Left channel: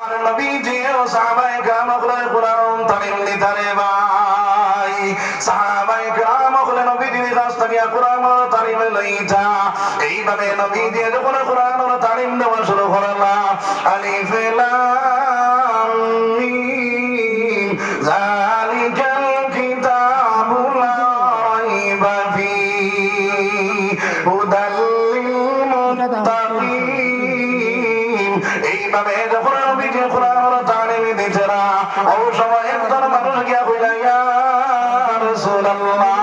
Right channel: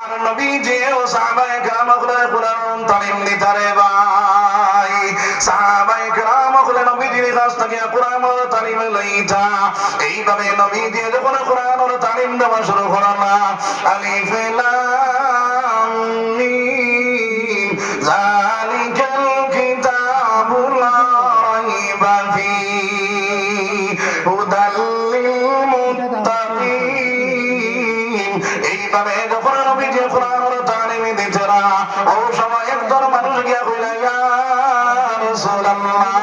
আর নবী যে ও সাহাবায়ে কেরাম কোরআন তালিম নিতারে ভাই সাহাবায়ে কেরাম নবীজির কাছ থেকে কোরআন তালিম লইতা এইভাবে নবী দিয়ে যখন কোরআন তালিম দেওয়া শুরু করলাম আলিফ লাম মিম যালিকাল কিতাবু লা রাইবা ফীহি হুদাল লিল মুত্তাকিন এইভাবে যখন নবীজি কোরআন তালিম দিতেরা ও সময় একজন মানুষ গিয়া কইলা ইয়া রাসূলুল্লাহ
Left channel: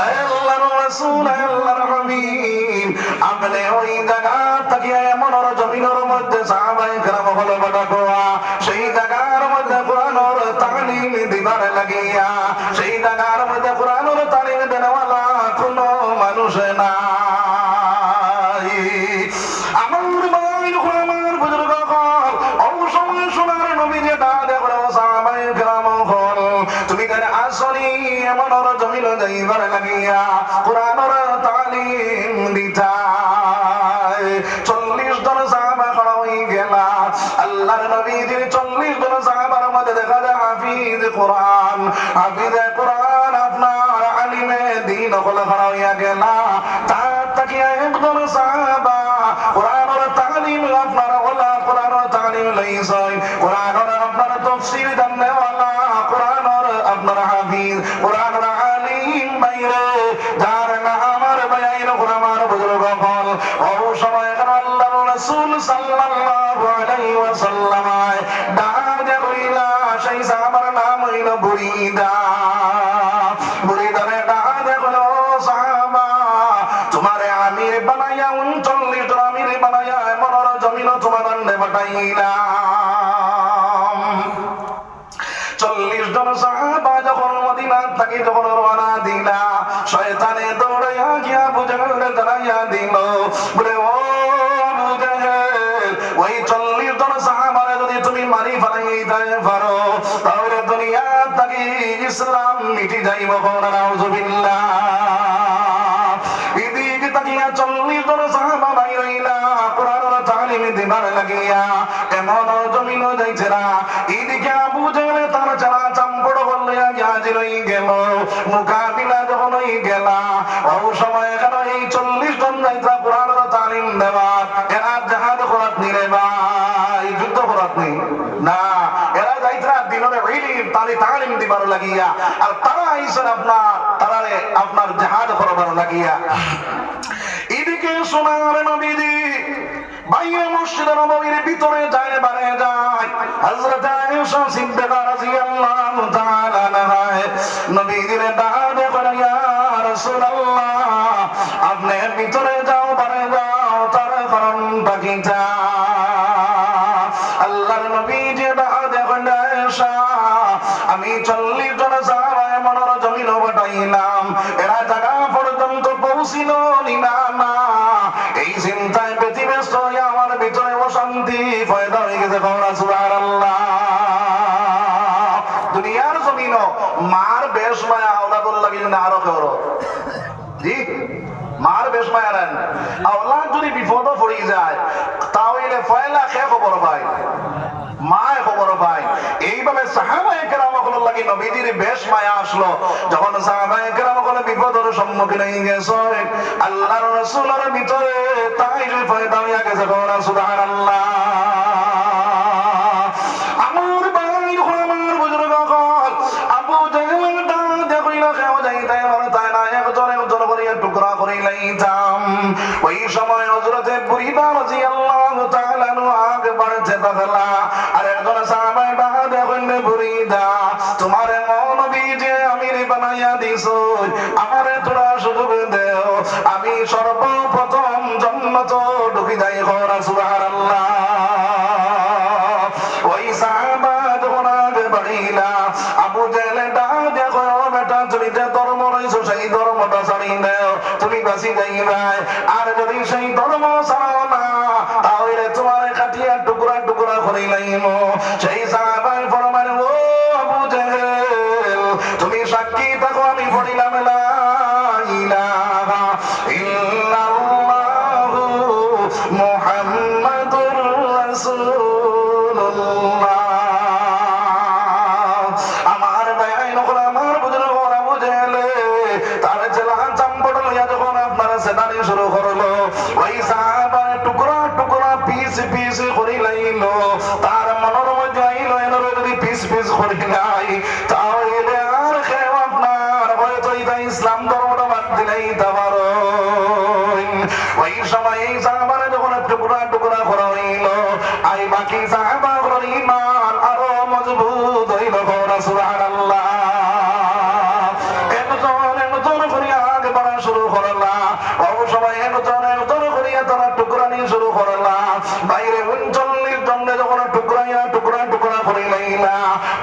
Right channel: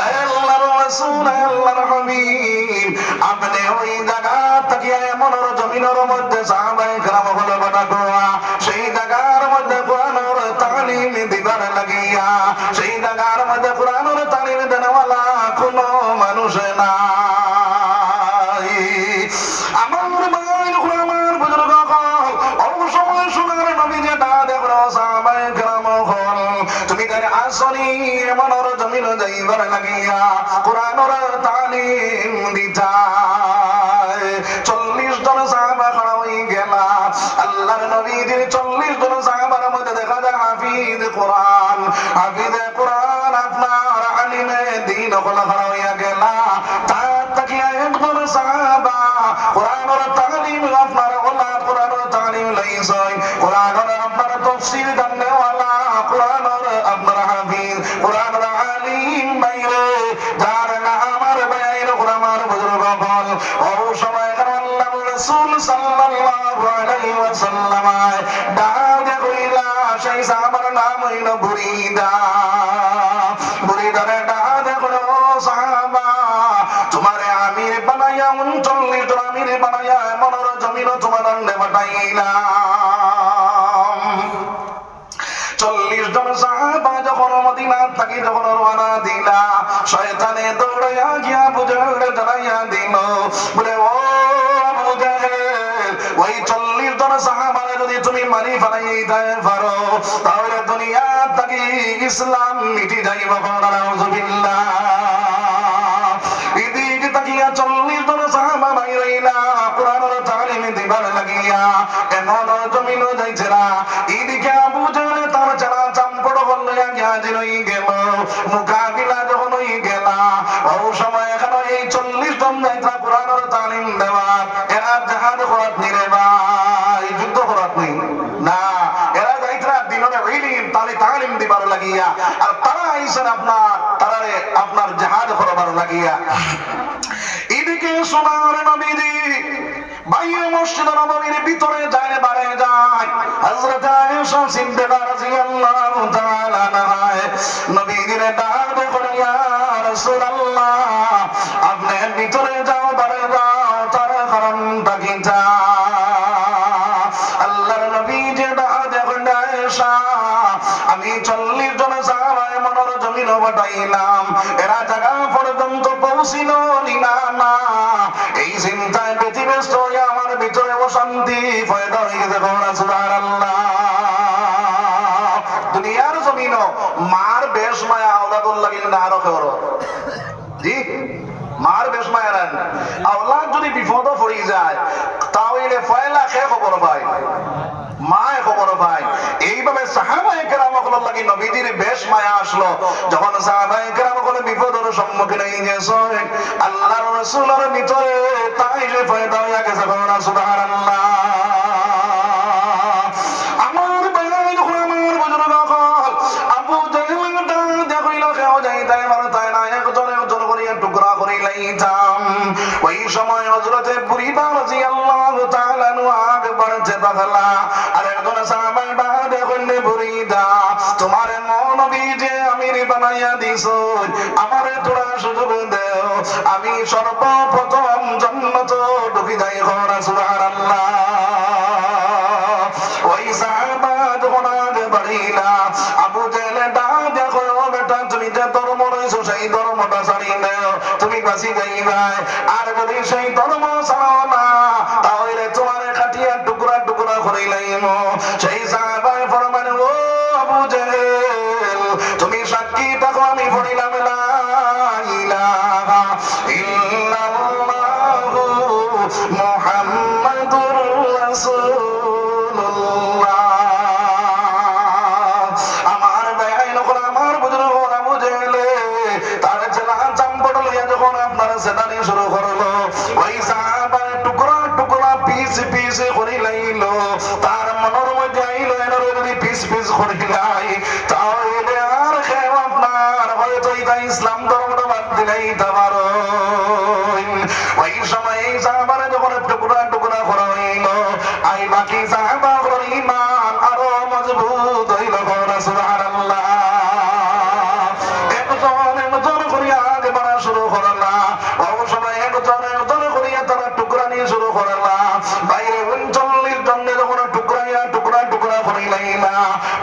আল্লাহর রাসূল আল্লাহর হাবিব আপনি ওই জায়গা থেকে এমন জমিনের মধ্যে সাহাবায়ে কেরাম হলো বাটাটোয়া সেই জায়গার মধ্যে কোরআনের তালিম দিবার লাগিয়া সেই জায়গার মধ্যে কোরআনের তালিম দেওয়ালা কোনো মানুষ নাই আমার ভাই আমার বুজুর্গ অবশ্যই শোনার নবী যে ডাকে সাহাবায়ে কেরাম হল তুমি তার আসরি এমন জমিন যাইবার লাগিয়া কোরআনের তালিম দিতা 40 জন সাহাবা খড়া হয়ে গেলা আল্লাহর নবীজির 40 জন সাহাবার মধ্যে দেখা যায় হাফিজ কোরআন আপনার আলিমে দ্বীন খোলা খড়া হইয়া গেলা তার তাকিয়া একজন সাহাবা কোরআনের তালিম আপনার ওলা কোরআনের তালিম লইছই কোরআনের আপনার তাফসীর জাননেওয়ালা কোরআনের আপনার হাফিজ কোরআনের আলিম বাইরে যার নামের বাইরে কোরআনের বুজুর্গ হল ও সময় আল্লাহর রাসূল সাল্লাল্লাহু আলাইহি ওয়াসাল্লাম ডাকে কইলা সেই সাহাবার নাম হইল বুরিদারে ডাকে কইলো সাহাবা তোমারে আমির বানাইয়া 39 জন আমির বানাইয়া এমন জমিন তোমার দণ্ডে পাঠাইলাম 40 জন সাহাবা যখন মদিনা থেকে যখন রওনা দিলা শয়তানে দৌড়াইয়া গিয়া আবু জাহেল জানাইয়া দিল বলে ও আবু জাহেল ওই 40 জন সাহাবারে যদি তুমি মারি ফেলাইতে পারো তাহলে দুনিয়া থেকে ইসলাম মিটে যাইব নাউযুবিল্লাহ এদিকে তাকিয়া 40 জন সাহাবা বাইরেইলা কোরআনের তালিম দিবার লাগিয়া এমন জমিন যাইছেরা এদিকে আবু জাহেল তার যারা চাম্পড় বললে জাহাজে রই গেল মোকাবিলা যখন হয়ে গেলা ও সময় এখানে এই 40 জন যাইতা কোরআনের তালিম দেওয়ার এরা জাহাজ করাত নি রে ভাই যুদ্ধ করাত নি না এরা যাইতা দিনের ইলম তালিম দিবার লাগিয়া আর তারা আইছেন আপনার জাহাজ করাবার লাগিয়া এদিকে সোনার নবীজি বাইরে মসজিদের নববীর ভিতরে যায় বারে যায় হযরত আয়েশা সিদ্দিকা রাদিয়াল্লাহু তাআলা আনহা নবীজির ডাকে বলে ইয়া রাসূলুল্লাহ আপনি ভিতরে যাও বারে যাও তার কারণটা কি তা আল্লাহর নবীজি ডাকে বলে আয়েশা আমি 40 জন সাহাবায়ে মনর জমিন বটাইলাম এরা জায়গা পর্যন্ত পৌঁছিল না এই চিন্তায় ব্যতিব্যস্ত হয়ে আমার ভিতরে অশান্তি পয়দা হয়ে গেছে সুবহানাল্লাহ দুনিয়ার জমিন মার বেশ মায়া আওলাদুল লাগিল না আরো কেউ জি মার বেশ মায়া রান আওলাদ যদি বিপদ পড়ে যায় তাহলে ফয়লা খে খবর ভাই মায় খবর ভাই এইভাবে সাহাবায়ে কেরাম লাগি নবীজির বেশ মায়া আসলো যখন সাহাবায়ে কেরাম বিপদের সম্মুখীন হয়ে গেছে আল্লাহর রাসূলের ভিতরে তাই যে ফয়দা হইয়া গেছে সুবহানাল্লাহ আমার ভাই আমার বুজুর্গ আবু জাহেল ডাকে কইল কেউ যাইতে পারে তাই না একজন করিয়া টুকরা করে লাইতাম ওই সময় হযরতে বুরিদা রাদিয়াল্লাহু তাআলা আগে বাড়তে থাকলা আর একজন সাহাবা ডাকে কইলে বুরিদা তোমারে নবী যে আমির বানাইয়া দিছো আমারে তোরা সুযোগ দেও আমি সর্বপ্রথম জান্নাত ঢুকে যাই সুবহানাল্লাহ ওই সাহাবা যখন আগে বাড়িলা আবু জাহেল ডাকে কইল বেটা তুমি যে ধর্ম রইছো সেই ধর্মটা ছাড়ি দাও তুমি বাঁচি যাইবাই আর যদি সেই ধর্ম ছাড়ো না তাহলে তোমার কাটিয়া টুকরা টুকরা করে লাইম সেই সাহাবায়ে ফরমানে ও আবু জাহেল তুমি সাক্ষী থাকো আমি পড়িলাম লা ইলাহা ইল্লাল্লাহু মুহাম্মাদুর রাসূল পিছে করিলাইল তার মনের মধ্যে আইল এনার যদি পিস পিস করিলাই তাহলে আর কেউ আপনার হয়তো এটা ইসলাম ধর্মটা বাদ দিলেই তার ওই সময় এই সাহাবারা যখন টুকরা টুকরা করা হইল আই বাকি সাহাবাগুলোর ঈমান আরো মজবুত হইল সুবহানাল্লাহ একজন করিয়া আগে বাড়া শুরু করলা ওই সময় একজন করিয়া তারা টুকরা নিয়ে শুরু করলা বাইরে 39 জনে যখন টুকরা টুকরা করিলাইলা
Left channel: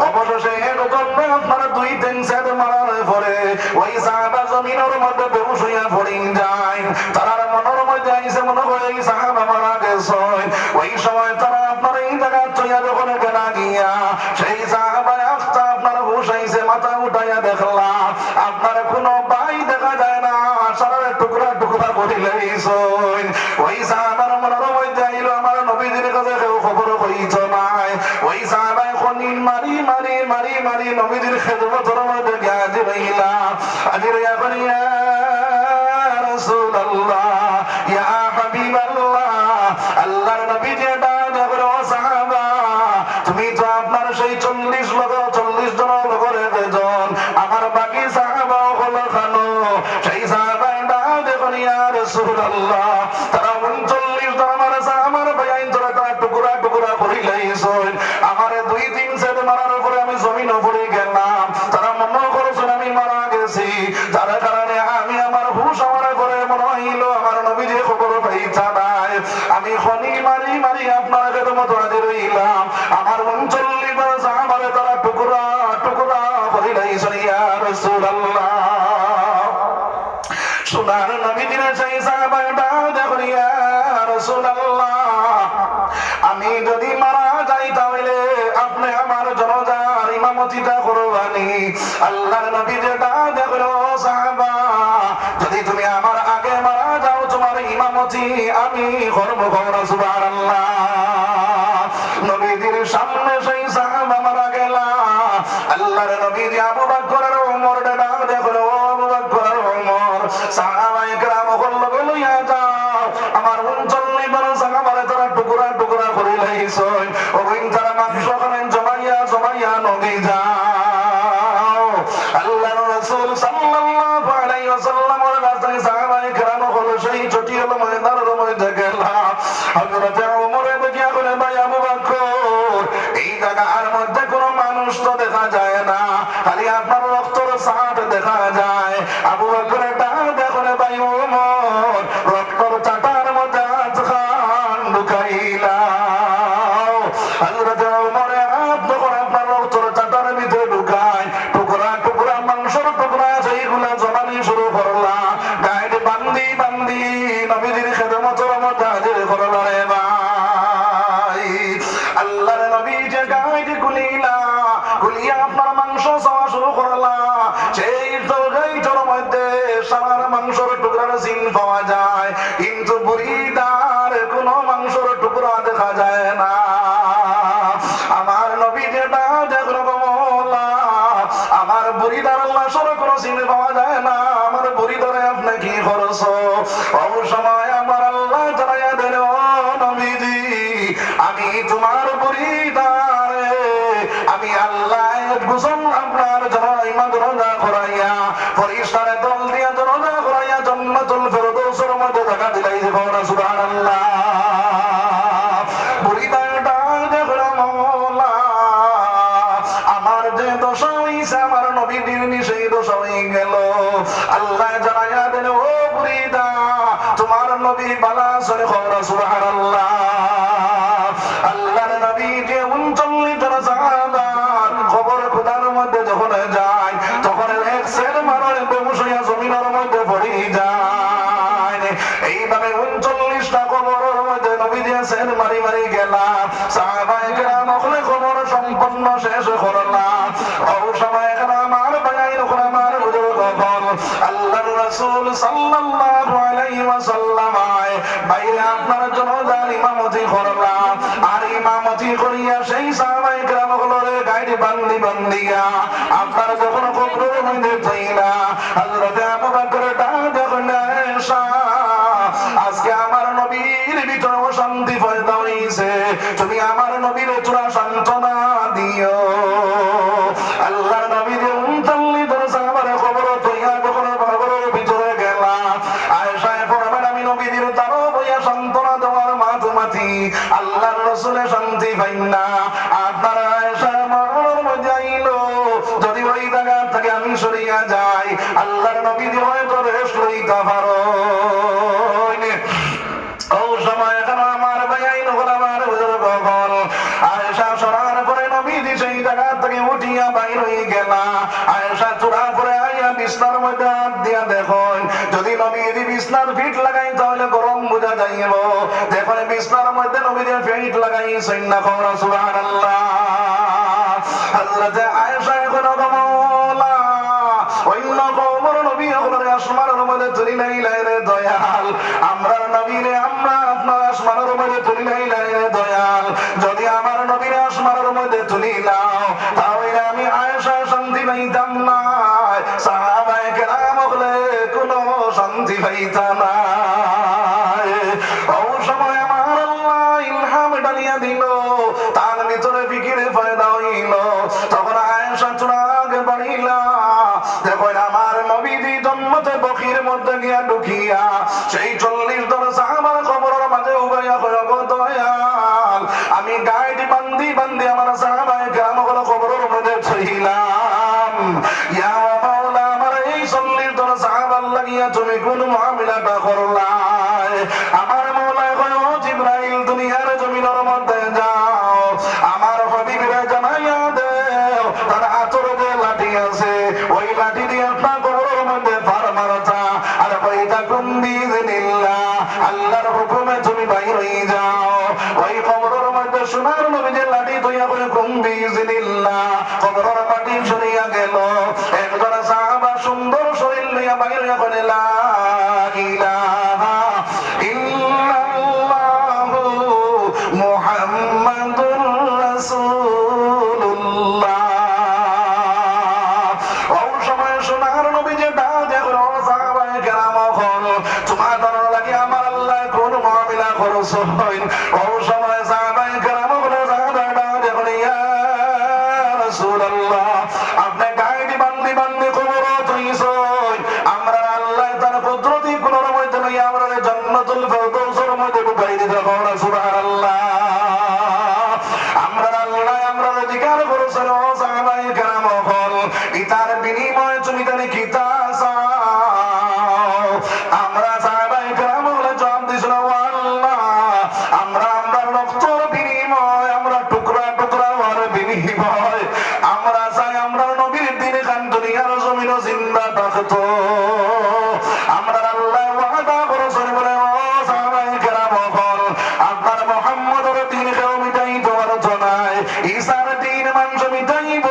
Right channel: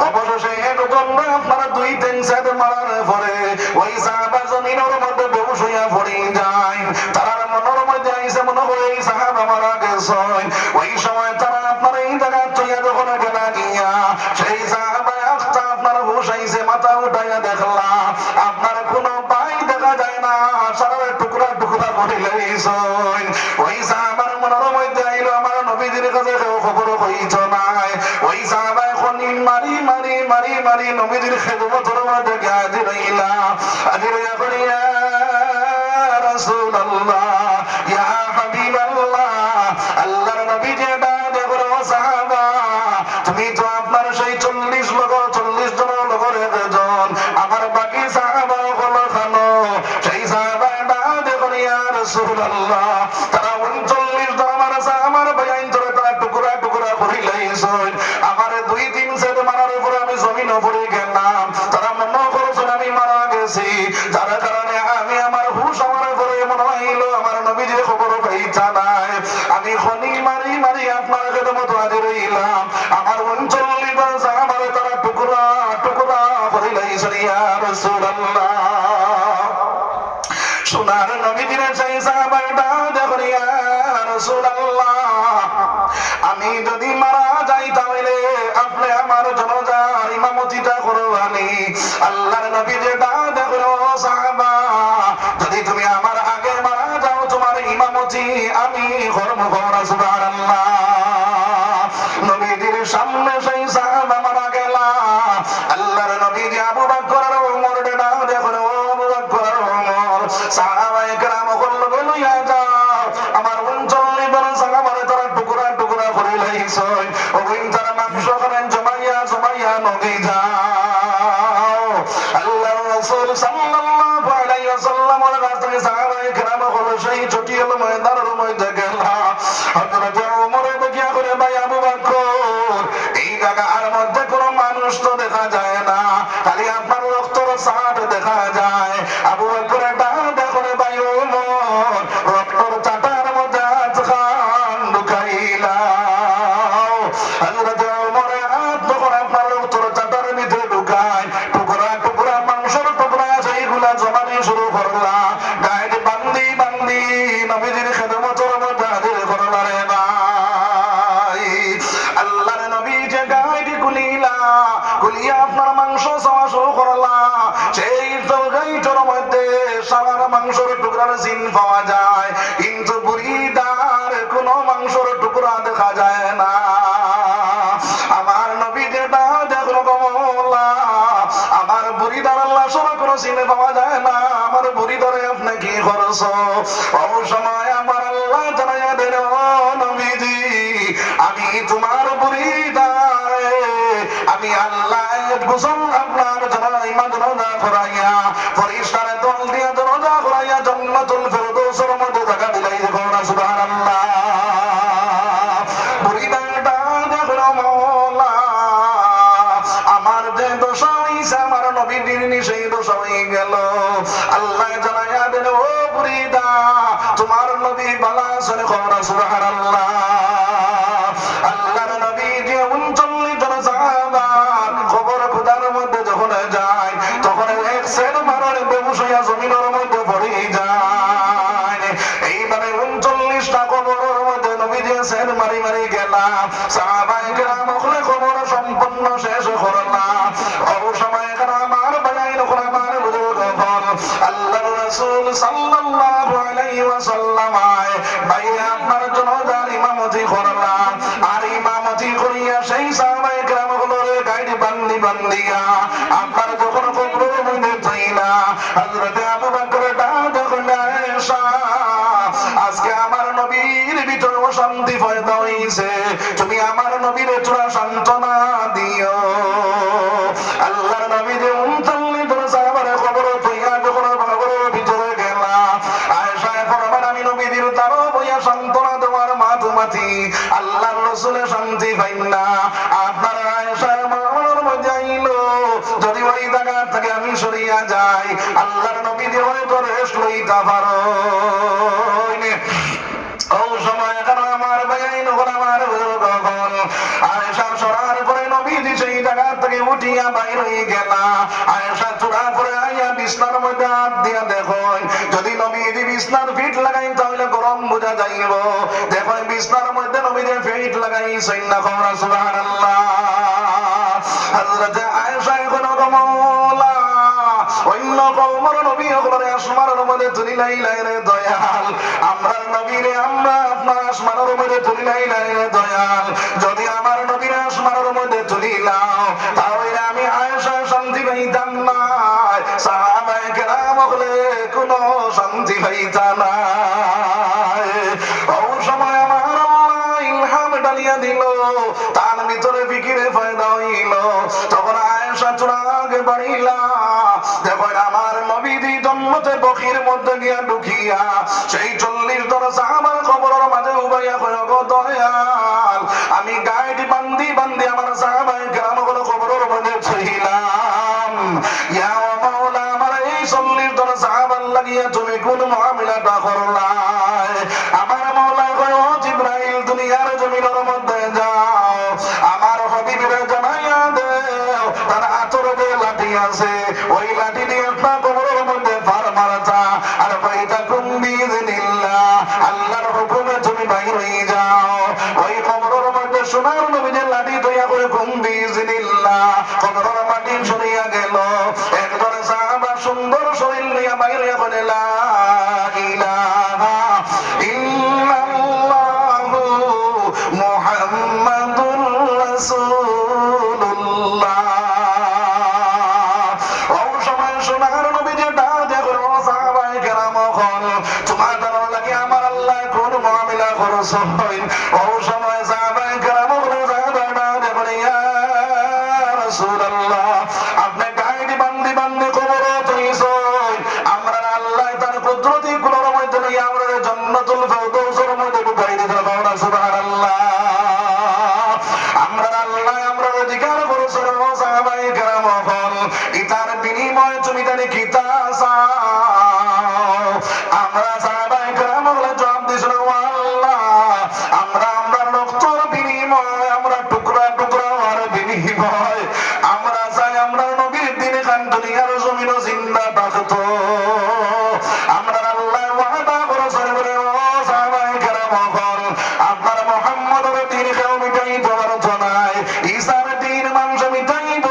অবশেষে একজন আপনারা 2-3 সেট মারার পরে ওই সাহাবা জমিনের মধ্যে বেহুশ হইয়া পড়ে যায় তারা মনের মধ্যে আইসে মনে হয় এই সাহাবা মারা গেছে ওই সময় তারা আপনার এই জায়গা চলিয়া যখন গেলা গিয়া সেই সাহাবা একটা আপনার হুশ আইসে মাথা উঠাইয়া দেখলা আপনার কোনো পাই দেখা যায় না সারা টুকরা টুকরা করিলেইছে ওই সাহাবার মনের মধ্যে আইলো আমার নবীজির কাছে কেউ খবর কইছ নাই ওই সাহাবা খনি মারি মারি মারি মারি নবীজির খেদমতের মধ্যে হাজির হইলা হাজির হইয়া করিয়া রাসূলুল্লাহ ইয়া হাবিবাল্লাহ আল্লাহর নবী যে ডাকে বলো সাহাবা তুমি তো আপনার সেই 40 জন লোকের একজন আমার বাকি সাহাবা হলো খানো সেই সাহাবা ডাকে বলো ইয়া রাসূলুল্লাহ তারা 39 জন আমার সাহাবার বয়ান ধরে তারা টুকরা টুকরা করিলাইছে আমার 2-3 সেট মারার পরে আমি জমিনে পড়ে গেলাম তারা মনে করছেন আমি মারা গেছি যার কারণে আমি আমার হুশ আমার করে মনে হইল আমার নবীজির খবর পাইতা নাই আমি খনি মারি মারি আপনার খেদমত হাজির হইলাম আমার 39 জন সাহাবারে তারা টুকরা টুকরা করিলাইছেন ইয়া রাসূলুল্লাহ সোনার নবীজির সেই সাহাবাটা দেখো ইয়া রাসূলুল্লাহ আমি যদি মারা যাই তাহলে আপনি আমার জানাজার ইমামতিটা করবানি আল্লাহর নবী যেটা দেখো সাহাবা যদি তুমি আমার আগে মারা যাও তোমার ইমামতি আমি করব সুবহানাল্লাহ নবীজির সামনে সেই সাহাবা মারা গেলা আল্লাহর নবী যে আবু বকর আর ওমর ডাক দেখো আবু বকর আর ওমর সাহাবায়ে কেরাম বললো লইয়া যাও আমার 39 জন সাহাবারে তারা টুকরা টুকরা করিলাইছে ওই তারা মাংস খান জমাইয়া জমাইয়া নবী যাও আল্লাহর রাসূল সাল্লাল্লাহু আলাইহি ওয়াসাল্লামের কাছে সাহাবায়ে কেরাম হলো সেই জটিল ময়দানের মধ্যে গেলা হযরত ওমর দেখিয়া বলে ভাই আবু বকর এই জায়গার মধ্যে কোনো মানুষ তো দেখা যায় না খালি আপনার রক্তের ছাট দেখা যায় আবু বকর এটা দেখো রে ভাই ওমর রক্তের চাটার মধ্যে হাত খান ঢুকাইলা হযরত ওমর হাত যখন আপনার রক্তের চাটার ভিতরে ঢুকায় টুকরা টুকরা মাংসের টুকরা সেইগুলা জমানি শুরু করলা গায়ে বান্দি বান্দি নবীজির খেদমতের মধ্যে হাজির করলা রে ভাই আল্লাহর নবী যে গায়ে কুলিলা কুলিয়া আপনার মাংস চাওয়া শুরু করলা সেই তরকারিটার মধ্যে সারা মাংসের টুকরার জিন পাওয়া যায় কিন্তু বুড়িদার কোনো মাংসের টুকরা দেখা যায় না আমার নবী যেটা দেখলো বলা আমার বুড়িদার আল্লাহ সর কোনো জিন পাওয়া যায় না আমার বুড়িদারে আপনি কি করছ ও সময় আমার আল্লাহ জানাইয়া দিল নবীজি আমি তোমার বুড়িদারে আমি আল্লাহ গোসল আপনার ইমান রোজা করাইয়া পরিষ্কার দল দিয়া রোজা করাইয়া জান্নাতুল ফেরদৌসের মধ্যে জায়গা দিলাই দেখো সুবহানাল্লাহ বুড়িদাটা দেখো মাওলা আমার যে দশা হইছে আমার নবীর সেই দশা হয়ে গেল আল্লাহ জানাইয়া দিল ও বুড়িদা তোমার নবী বালা শুনে খবর সুবহানাল্লাহ আল্লাহর নবী যে 39 জন সাহাবা খবর খোদার মধ্যে যখন যায় তখন এক সের মারণে বেহুশ হইয়া জমিনের মধ্যে পড়ে যায় এইভাবে 39টা কবরের মধ্যে নবী যে সের মারি মারি গেলাম সাহাবায়ে কেরাম ওখানে খবর সম্পূর্ণ শেষ করলাম ওই সময় এখানে আমার ভাই যখন আমার বুজুর্গ হল আল্লাহর রাসূল সাল্লাল্লাহু আলাইহি ওয়াসাল্লাম বাইরে আপনার জন্য ইমামতি করলাম আর ইমামতি করিয়া সেই সাহাবায়ে কেরাম গুলোর গায়ে বান্দি বান্দিয়া আপনার যখন কবরের মধ্যে থইলা হযরত আবু বকর যখন আয়েশা আজকে আমার নবীর ভিতরে অশান্তি পয়দা হইছে তুমি আমার নবীর চূড়া সান্ত্বনা দিও। আল্লাহর নবী যে 39 জন সাহাবার খবর তুইয়া যখন খবরের ভিতরে গেলা, আয়েশা ফরমান আমি নবীর তারও বইয়া সান্ত্বনা দেওয়ার মাঝামাঝি আল্লাহর রাসূলে শান্তি পাইন না। আপনার আয়েশা মরণের মধ্যে আইলো, যদি ওই জায়গা থেকে আমি সরিয়া যাই আল্লাহর নবী যে হয়তো রেস্ট লইতে পারো। ও সময় কেন আমার ভাই নগর আমার বুজুর্গ গণ আয়েশা সরার পরে নবীজি সেই জায়গা থেকে উঠিয়া বাইর হয়ে গেলা। আয়েশা চূড়া পরে আইয়া বিছনার মধ্যে হাত দিয়া দেখুন, যদি নবীজি বিছনার ফিট লাগাই তাহলে গরম বোঝা যাইব। দেখুন বিছনার মধ্যে নবীজি ফিট লাগাই সৈন্যা কমরা সুবহানাল্লাহ। হযরত আয়েশা এখন কমলা অন্য কওমের নবী একবারে আসমানের মধ্যে তুলি নাই রে দয়াল, আমরা নবীরে আমরা আপনার আসমানের মধ্যে তুলি নাই রে দয়াল। যদি আমার নবীরে আসমানের মধ্যে তুলি নাও তাহলে আমি আয়েশা শান্তি পাইতাম না, সাহাবায়ে কেরাম হলে কোনো শান্তি পাইতা না। ও সময় আমার আল্লাহ ইলহাম ডালিয়া দিল, তার ভিতরে ফিকিরে পয়দা হইল। তখন আয়েশা চূড়াকে বাড়িলা, দেখুন আমার নবীজি জন্মতে বখির মধ্যে গিয়া ঢুকিয়া সেই 40 জন সাহাবার কবরের মাঝে উবাইয়া কয় গো দয়াল, আমি গাইড বান্দি বান্দি আমার সাহাবায়ে কেরামগুলো কবরের মধ্যে ছইলাম। ইয়া মাওলা আমার এই 40 জন সাহাবার লাগিয়া তুমি কোন মুআমিলাটা করলাই? আমার মাওলা কয় ও জিবরাইল দুনিয়ার জমিনের মধ্যে যাও, আমার হাবিবের জানাইয়া দেও তার আতরে যে লাঠি আছে ওই লাঠি দিয়ে আপনার কবরের মধ্যে ফার মারতা, আর কইটা কুম বিইজনিল্লাহ আল্লাহর হুকুমে তুমি বাইর হয়ে যাও। ওই কবরের মধ্যে সোনার নবীর লাঠি দইয়া করে কুম বিইজনিল্লাহ কবরের মাটি সরিয়া গেল। একজন সাহাবা সুন্দর শরীর নিয়ে বাইর হইয়া বলে লা ইলাহা ইল্লাল্লাহু মুহাম্মাদুর রাসূলুল্লাহ। আমার আল্লাহ কোন মুআমিলা করছেন? ও সময় সাহাবায়ে কেরাম বলে দেখুন ইয়া রাসূলুল্লাহ আপনি গাইড বান্দি বান্দি কবর হইছেন, আমরা আল্লাহ তার কুদরতি কুলের মধ্যে নিয়ে আমরা জান্নাতুল ফেরদৌসের মধ্যে ঢুকাই দিতে পারবো। সুবহানাল্লাহ। আমরা আল্লাহ আমরা অধিকার করেছেন ও সাহাবায়ে কেরাম হল ইতার বিনিময়ে তুমি তার কি তা চাও? আমরা সাহাবায়ে কেরাম জবাব দিয়েছিল আল্লাহ আমরা আমরা রক্তের বিনিময় আমরা টুকরা টুকরা হওয়ার বিনিময় আমরা চাই আমরা নবীর দিনে খান দুনিয়ার জমিন জিন্দা থাকতো। আমরা আল্লাহ ওয়াদা করেছেন বলে ও সাহাবায়ে কেরাম হল আপনার মুহাম্মদের দিন কেউ মিটাইতে পারতো না, ঈসার দিন মানুষ মিটাইব,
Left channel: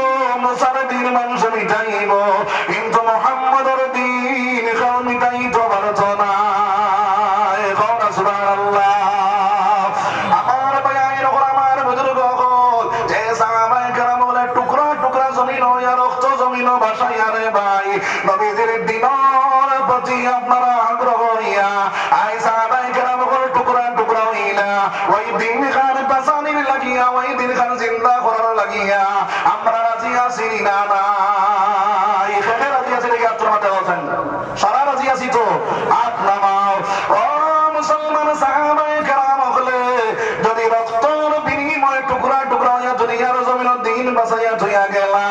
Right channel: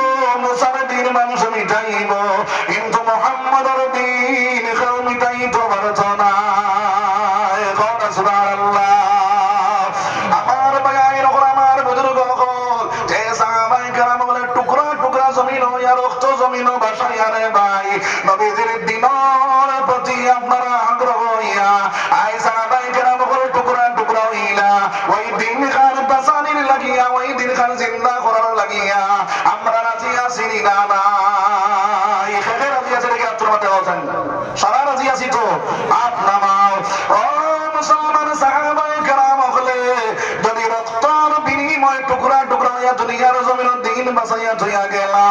মুসার দিন মানুষ মিটাইব, কিন্তু মুহাম্মদের দিন কেউ মিটাইতে পারতো না। সুবহানাল্লাহ। আমার ভাইয়ের উপর আমার বুজুর্গ হল যে সাহাবায়ে কেরাম বলে টুকরা টুকরা জমিন হইয়া রক্ত জমিন ভাসাইয়া রে ভাই নবীজির দিনের প্রতি আপনারা আগ্রহ হইয়া আই সাহাবায়ে কেরাম বলে টুকরা টুকরা হইলা ওই দিন খান বাঁচানির লাগিয়া ওই দিন খান জিন্দা করার লাগিয়া আমরা রাজি আছি না নাই? এখানে রাজি আছে নাকি? আপনার মতে বলছেন সারা রাজি আছি তো? আপনারাও ও মুসলমান সাহাবায়ে কেরাম হলে যদি রক্তের বিনিময়ে টুকরা টুকরা হইয়া দুনিয়ার জমিন দিন বাঁচাইয়া থইয়া গেলা,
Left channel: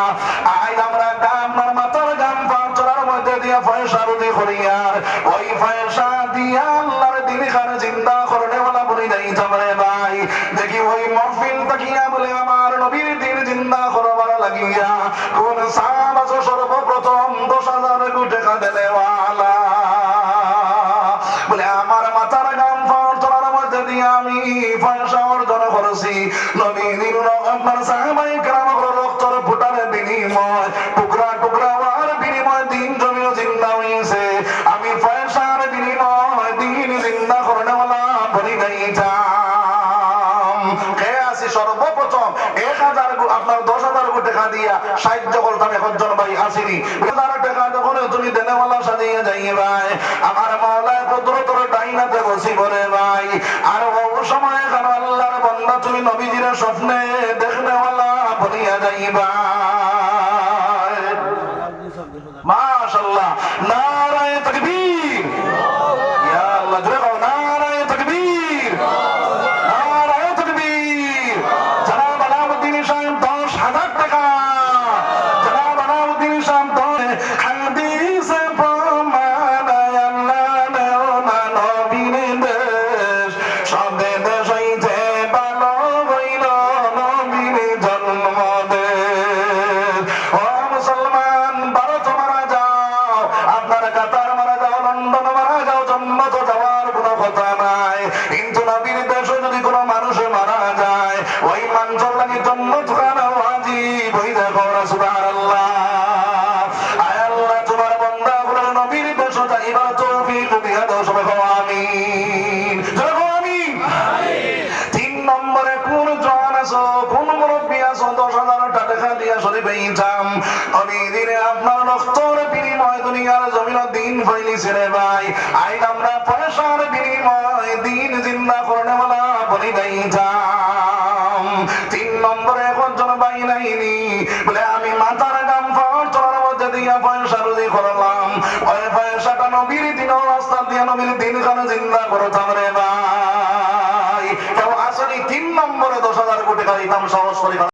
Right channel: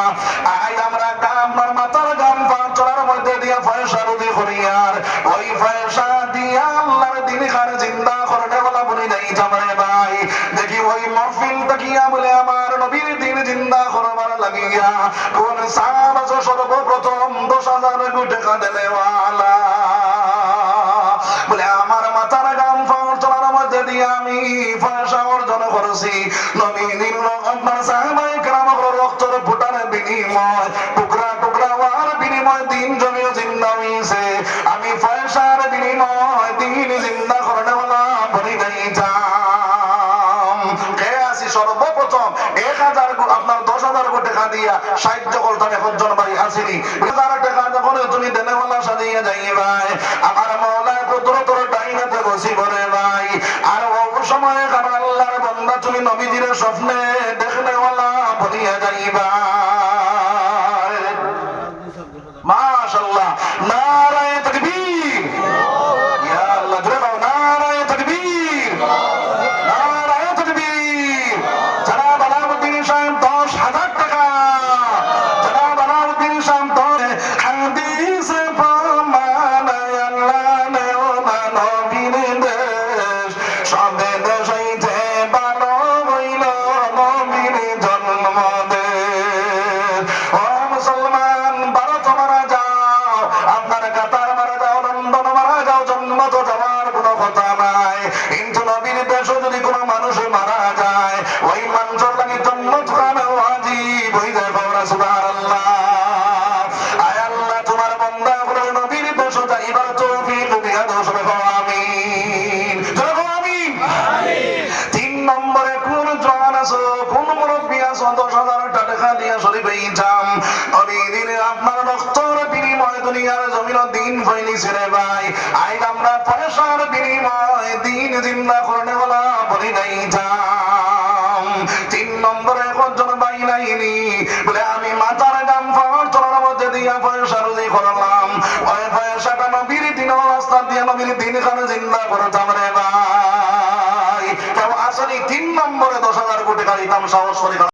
আই আমরা গামার মাথার গাম পাঁচ চলার মধ্যে দিয়ে পয়সা রুজি করিয়ার ওই পয়সা দিয়া আল্লাহর দিন খানে জিন্দা করতে বলা বলি যাই যাবে ভাই। দেখি ওই মহফিল তাকিয়া বলে আমার নবীর দিন জিন্দা করবার লাগিয়া কোন সাহাবা সর্বপ্রথম 10,000 কোটি টাকা দেওয়ালা বলে আমার মাথার গাম পাওয়ার চলার মধ্যে দিয়ে আমি পয়সা অর্জন করেছি নবীর রহমান সাহাবায়ে কেরাম রক্তের ফুটার বিনিময় টুকরা টুকরা হওয়ার বিনিময় দিন জমিও জিন্দা হয়েছে, আমি পয়সার বিনিময় দিন জিন্দা করতে বলা বলি যাইতাম। কে আছি সর্বপ্রথম 1000 আপনার 10,000 কোটি টাকা দিয়া সাহায্য করতাম একজন ভাই আসেনি 1000 টাকা যখন তুমি দেনেওয়ালা সাজিয়ে যাইয়ে ভাই আমার মাওলায় কুদরতের ডাইনাতে বসি বলে ভাই আর ও সময় কারণ আল্লাহর বান্দা তুমি নবীজির স্বপ্নে দেখনেওয়ালা বলিয়া যাইবা। মাশাআল্লাহ, নারায়ে তাকবীর, ইয়া আল্লাহ, জোরে বলো নারায়ে তাকবীর, নারায়ে তাকবীর। জনাব আলাউদ্দিন সাহেব 10,000 টাকা, জনাব আলাউদ্দিন সাহেব 10 হাদিস প্রমাণায় আল্লাহ নেও মানবীর দেশ, সবে দেশ হইতে ভালো হইল নবীর জন্মদেশ। ও মুসলমান, ভারত মারা যাও, আপনার কাতার মারা যাও, লন্ডন মারা যাও, জন্ম তো যাওয়ার কোনো কথা নাই, কিন্তু নবীর দেশে যদি কোনো মানুষ মারা যায় ওই মানুষের লাগে জন্নত খানা ওয়াজিব। ওই দেখো সুবহানাল্লাহ। আয় আল্লাহ, তোমার বান্দা গুলোর নবীর দেশে যাইবার তৌফিক দিয়া দাও, সবাই বলো আমিন, জোরে বলো আমিন। 3 নম্বরে কোন জওয়ান আছো, কোন মুরব্বী আছো 10,000 টাকা দিয়া শরীফে ইনকাম নবী দিনে আপনার রক্তর বিনিময় দুনিয়ার জমিন দিন হইলিছে রে ভাই। আইন আমরা পয়সার বিনিময় দিন জিন্দা করনে বলা বলি নাই যাম। 3 নম্বরে একজন ভাই নাইনি বলে আমি মাথার দাম পাওয়ার চলার মধ্যে দিয়া পয়সা রুজি করলাম, ওই পয়সাটা নবীর দিন রাস্তা দিয়া নবীর দিন খানে জিন্দা করতাম রে ভাই। কেউ আসলে 3 নম্বরে 10,000 কোটি টাকা দিতাম, সাহস করে